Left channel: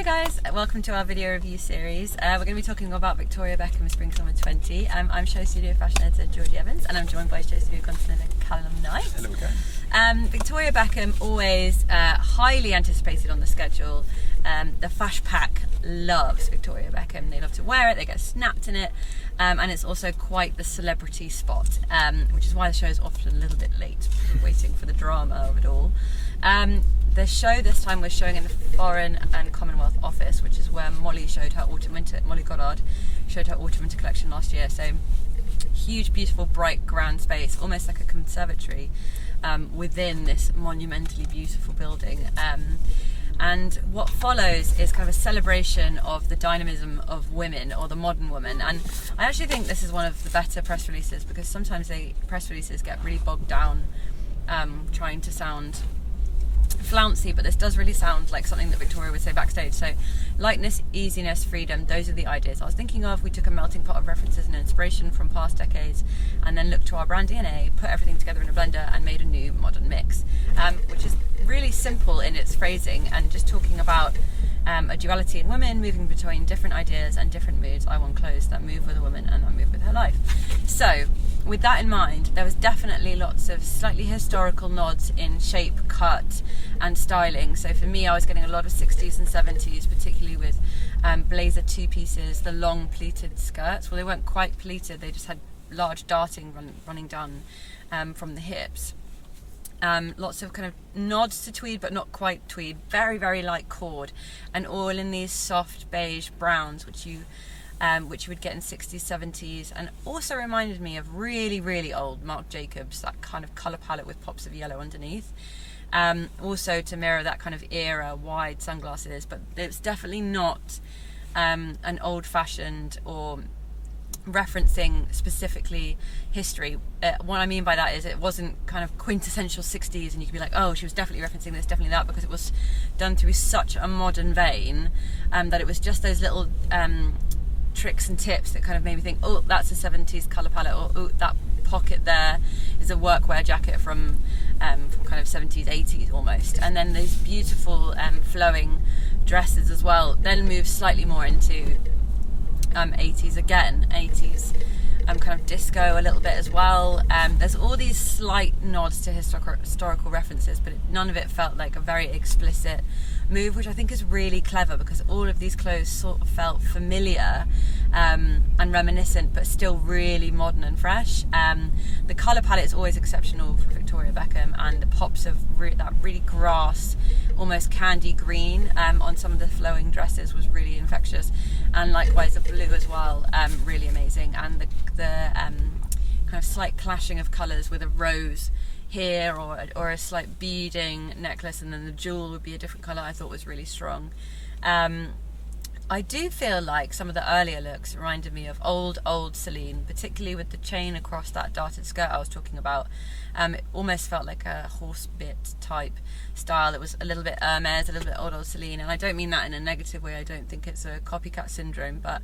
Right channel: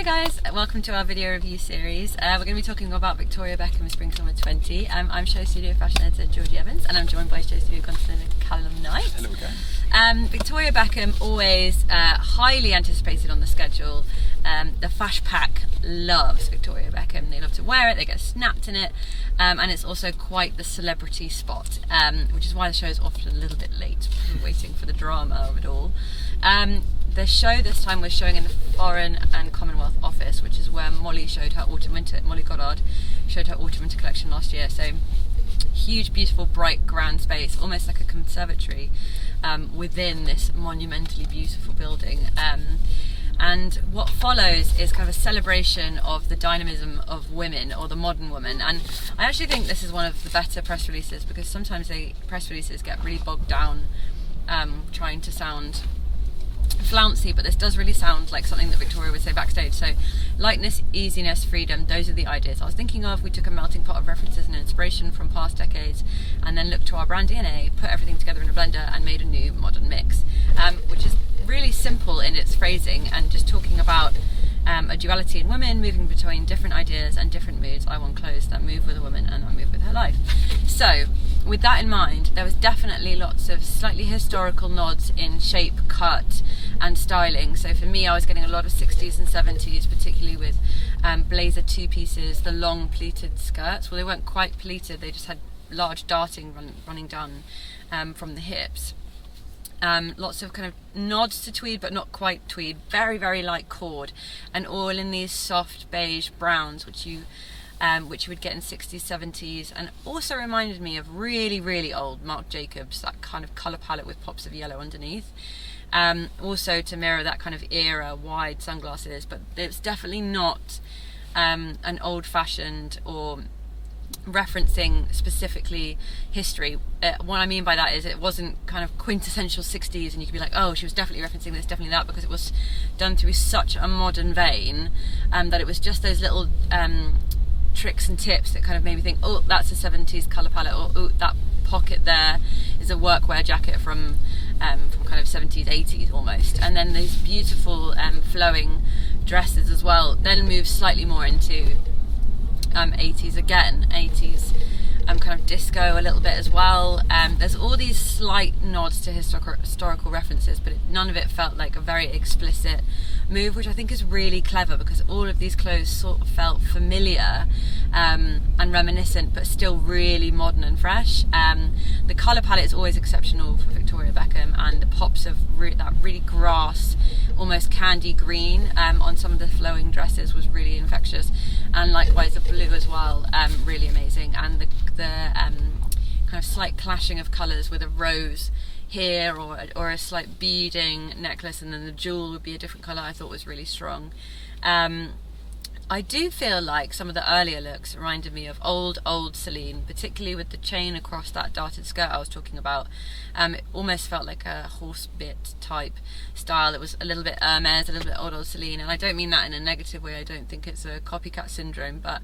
Hi guys, welcome to our video review series. We're going to be talking about Victoria Beckham Spring Summer 20. I'm SHOWstudio fashion editor Georgina Evans, and I'm joined by SHOWstudio content editor Calum Knight. Hello again. Victoria Beckham, always highly anticipated on the schedule. The Fash Pack loves Victoria Beckham. They love to wear it, they get snapped in it, and it's also quite the celebrity spot, which is why the show is often a little bit late. We're waiting for the drama of it all. The show this time was showing in the Foreign and Commonwealth Office, which is where Molly showed her autumn-winter. Molly Goddard showed her autumn-winter collection last year. So huge, beautiful, bright, grand space, almost like a conservatory within this monumentally beautiful building. And what follows is kind of a celebration of the dynamism of women, or the modern woman. And I actually think this is one of the better press releases, because sometimes press releases get really bogged down trying to sound flouncy, but this does really sound like something that Victoria would say backstage. So lightness, easiness, freedom, those are the ideas I was thinking of. We took a melting pot of references and inspiration from past decades, and then looked to our brand DNA, put everything together in a blender and made a new modern mix, which is really simple in its phrasing and just talking about a duality in women, moving between different ideas and different moods. I want clothes that move with a woman and that move with her life. So with that in mind, there was definitely lots of slightly historical nods in shape, cut and styling. So for me, I was getting a lot of 60s and 70s, particularly with blazer two pieces, the long pleated skirts. Well, they weren't quite pleated, they just had large darting running down from the hips. Lots of kind of nods to tweed, but not quite tweed. Very, very light cord, and all in these soft beige browns, which you would get in 60s, 70s, and also reminded me of really, really old Marc Jacobs, that kind of colour palette with pops of yellow underneath. Also to mirror that kind of era, wide sunglasses, but it's definitely not an old-fashioned or referencing specifically history. What I mean by that is it wasn't kind of quintessential 60s and you could be like, oh, she was definitely referencing this, definitely that, because it was done through such a modern vein that it was just those little tricks and tips that kind of made me think, oh, that's a 70s colour palette, or oh, that pocket there is a workwear jacket from kind of 70s, 80s almost. And then these beautiful flowing dresses as well then move slightly more into 80s again, 80s kind of disco a little bit as well. There's all these slight nods to historical references, but none of it felt like a very explicit move, which I think is really clever, because all of these clothes sort of felt familiar and reminiscent, but still really modern and fresh. The colour palette is always exceptional for Victoria Beckham, and the pops of that really grass, almost candy green on some of the flowing dresses was really infectious, and likewise the blue as well, really amazing. And the kind of slight clashing of colours with a rose here, or a slight beading necklace, and then the jewel would be a different colour, I thought was really strong. I do feel like some of the earlier looks reminded me of old Celine, particularly with the chain across that darted skirt I was talking about. It almost felt like a horse bit type style. It was a little bit Hermès, a little bit old Celine, and I don't mean that in a negative way. I don't think it's a copycat syndrome, but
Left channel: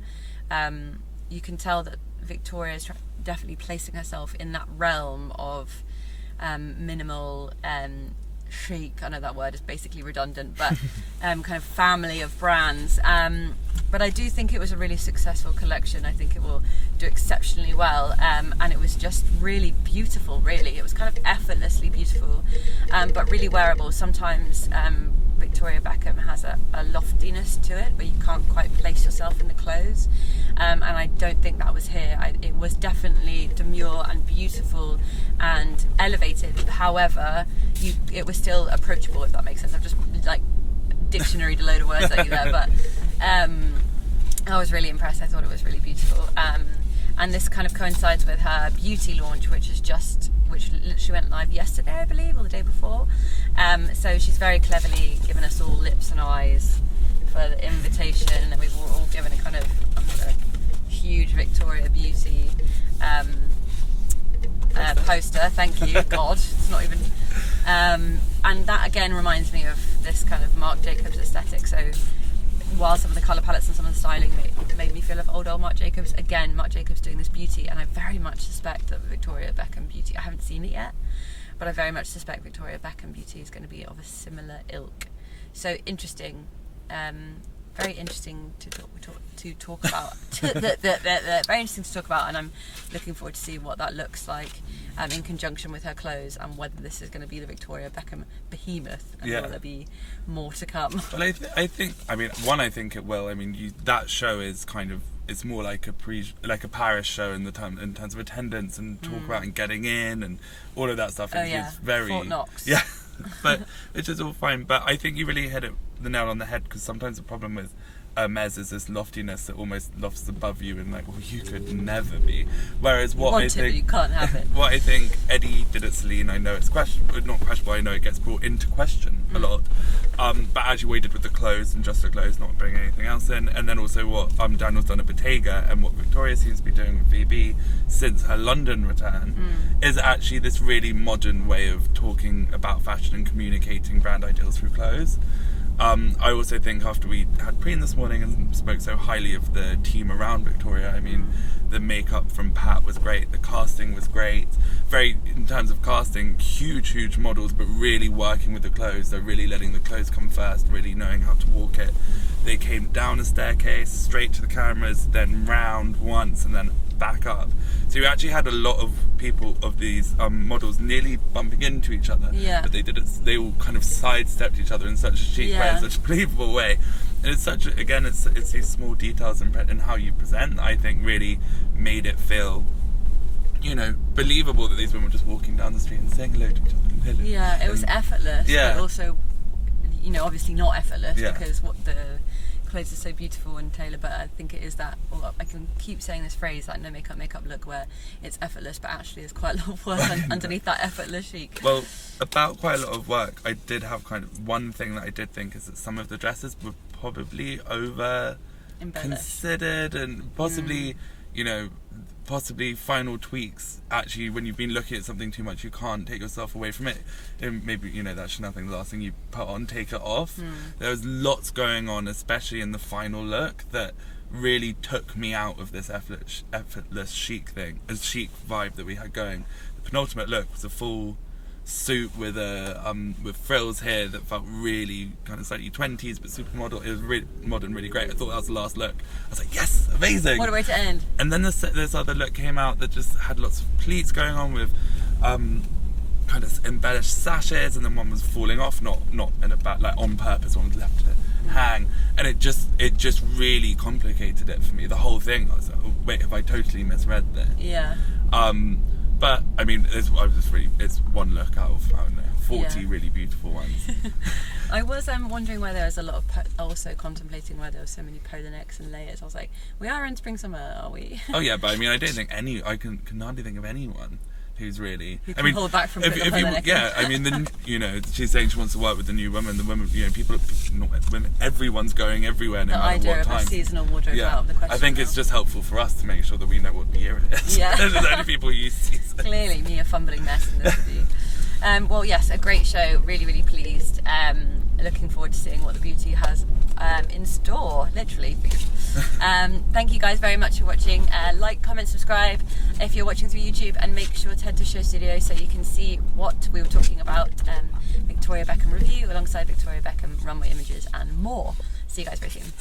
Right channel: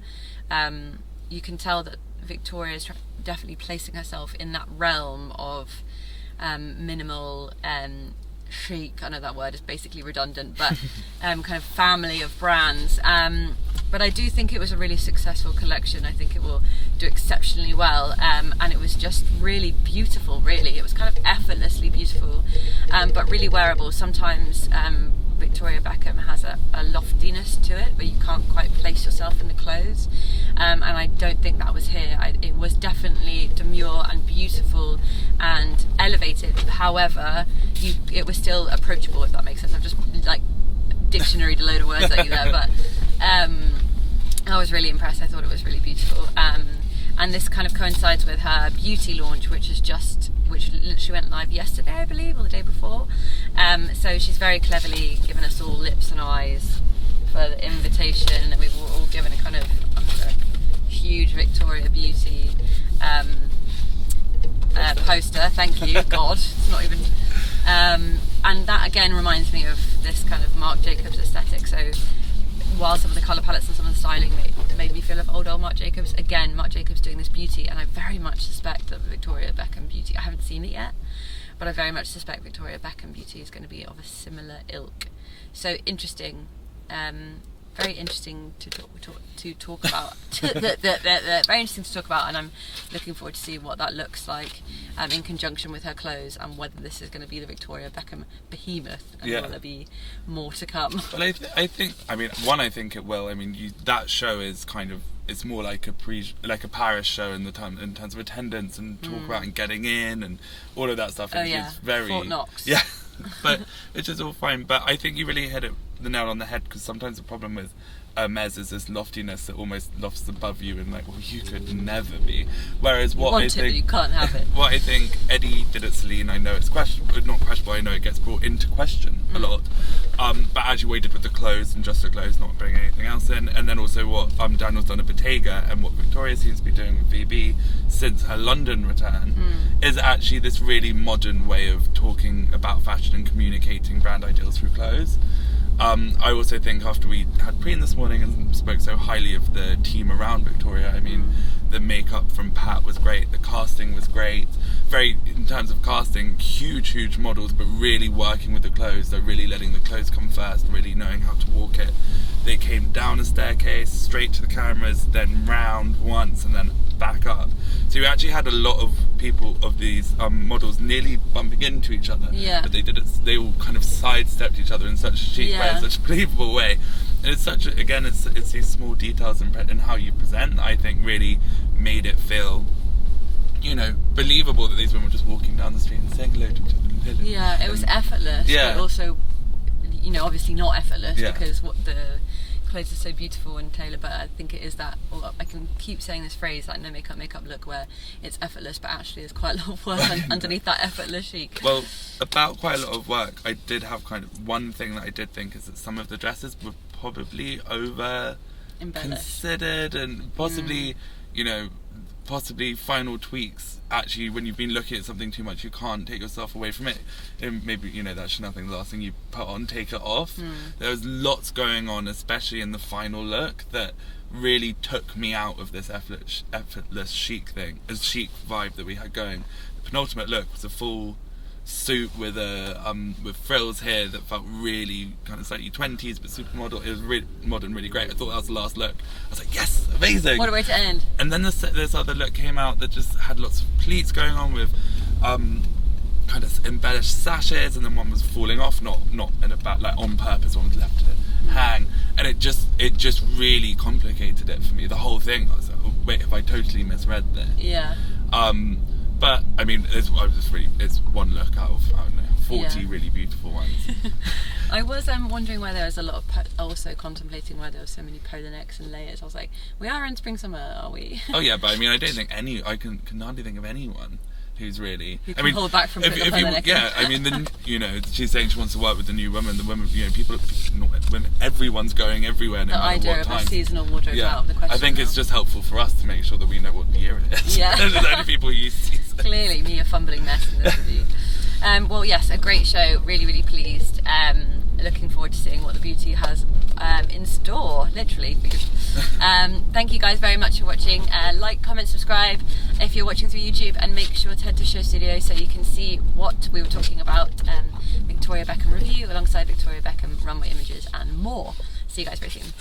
you can tell that Victoria is definitely placing herself in that realm of minimal chic. I know that word is basically redundant, but kind of family of brands. But I do think it was a really successful collection. I think it will do exceptionally well, and it was just really beautiful, really. It was kind of effortlessly beautiful, but really wearable. Sometimes Victoria Beckham has a loftiness to it, where you can't quite place yourself in the clothes, and I don't think that was here. It was definitely demure and beautiful and elevated. However, it was still approachable, if that makes sense. I've just like dictionaried a load of words at you there, but I was really impressed. I thought it was really beautiful, and this kind of coincides with her beauty launch, which literally went live yesterday, I believe, or the day before. So she's very cleverly given us all lips and eyes for the invitation, and we've all given a kind of huge Victoria Beauty poster. Thank you, God. It's not even. And that again reminds me of this kind of Marc Jacobs aesthetic. So while some of the colour palettes and some of the styling made me feel of old Marc Jacobs, again, Marc Jacobs doing this beauty, and I very much suspect that Victoria Beckham Beauty, I haven't seen it yet, but I very much suspect Victoria Beckham Beauty is going to be of a similar ilk. So interesting very interesting to talk about. Very interesting to talk about, and I'm looking forward to see what that looks like in conjunction with her clothes, and whether this is going to be the Victoria Beckham behemoth, and will there be more to come. Well, I think I think it will. I mean, that show is kind of, it's more like a Paris show in terms of attendance and talk about and getting in and all of that stuff. It's very Fort Knox. Yeah, but which is all fine. But I think you really hit the nail on the head, because sometimes the problem with Hermès is this loftiness that almost lofts above you, and like, well, you could never be. Whereas what I think, you can't have it. What I think Eddie did at Celine, I know it's not questionable. I know it gets brought into question a lot. But actually, what he did with the clothes and just the clothes, not bringing anything else in, and then also what Daniel's done at Bottega, and what Victoria seems to be doing with VB since her London return, is actually this really modern way of talking about fashion and communicating brand ideals through clothes. I also think, after we had Preen this morning and spoke so highly of the team around Victoria, I mean, the makeup from Pat was great, the casting was great, in terms of casting, huge models, but really working with the clothes. They're really letting the clothes come first, really knowing how to walk it. They came down a staircase, straight to the cameras, then round once, and then back up. So you actually had a lot of people, of these models, nearly bumping into each other. Yeah. But they all kind of sidestepped each other in such a chic way, in such a believable way. And it's it's these small details in how you present that I think really made it feel, believable that these women were just walking down the street and saying hello to each other. Yeah, it was effortless. Yeah. But also, obviously not effortless, because what the clothes are so beautiful and tailored, but I think it is that, I can keep saying this phrase, like no makeup look, where it's effortless, but actually there's quite a lot of work underneath that effortless chic. Well, about quite a lot of work, I did have kind of one thing that I did think is that some of the dresses were probably over considered, and possibly, possibly final tweaks. Actually, when you've been looking at something too much, you can't take yourself away from it. And maybe, that Chanel thing, the last thing you put on, take it off. There was lots going on, especially in the final look, that really took me out of this effortless chic thing, a chic vibe that we had going. The penultimate look was a full suit with with frills here that felt really kind of slightly 20s but supermodel. It was really modern, really great. I thought that was the last look. I was like, yes, amazing. What a way to end. And then this other look came out that just had lots of pleats going on with kind of embellished sashes, and then one was falling off, not in a bad, like on purpose, one was left to hang, and it just really complicated it for me, the whole thing. I was like, oh, wait, have I totally misread this? Yeah. But I mean, it's one look out of, I don't know, 40 really beautiful ones. I was wondering why there was a lot of also contemplating why there were so many polo necks and layers. I was like, we are in spring summer, are we? Oh yeah, but I mean, I don't think I can hardly think of anyone who's really. Who can hold back from putting a polo neck. Yeah, I mean, she's saying she wants to work with the new women. The women, not women. Everyone's going everywhere, no matter what time. The idea of a seasonal wardrobe out of the question. I think it's just helpful for us to make sure that we know what year it is. Yeah. There's only people who use season. Clearly, me a fumbling mess in this review. Well, yes, a great show. Really pleased. Looking forward to seeing what the beauty has in store, literally. Thank you guys very much for watching. Like, comment, subscribe if you're watching through YouTube, and make sure to head to SHOWstudio so you can see what we were talking about. Victoria Beckham review alongside Victoria Beckham runway images and more. See you guys very soon.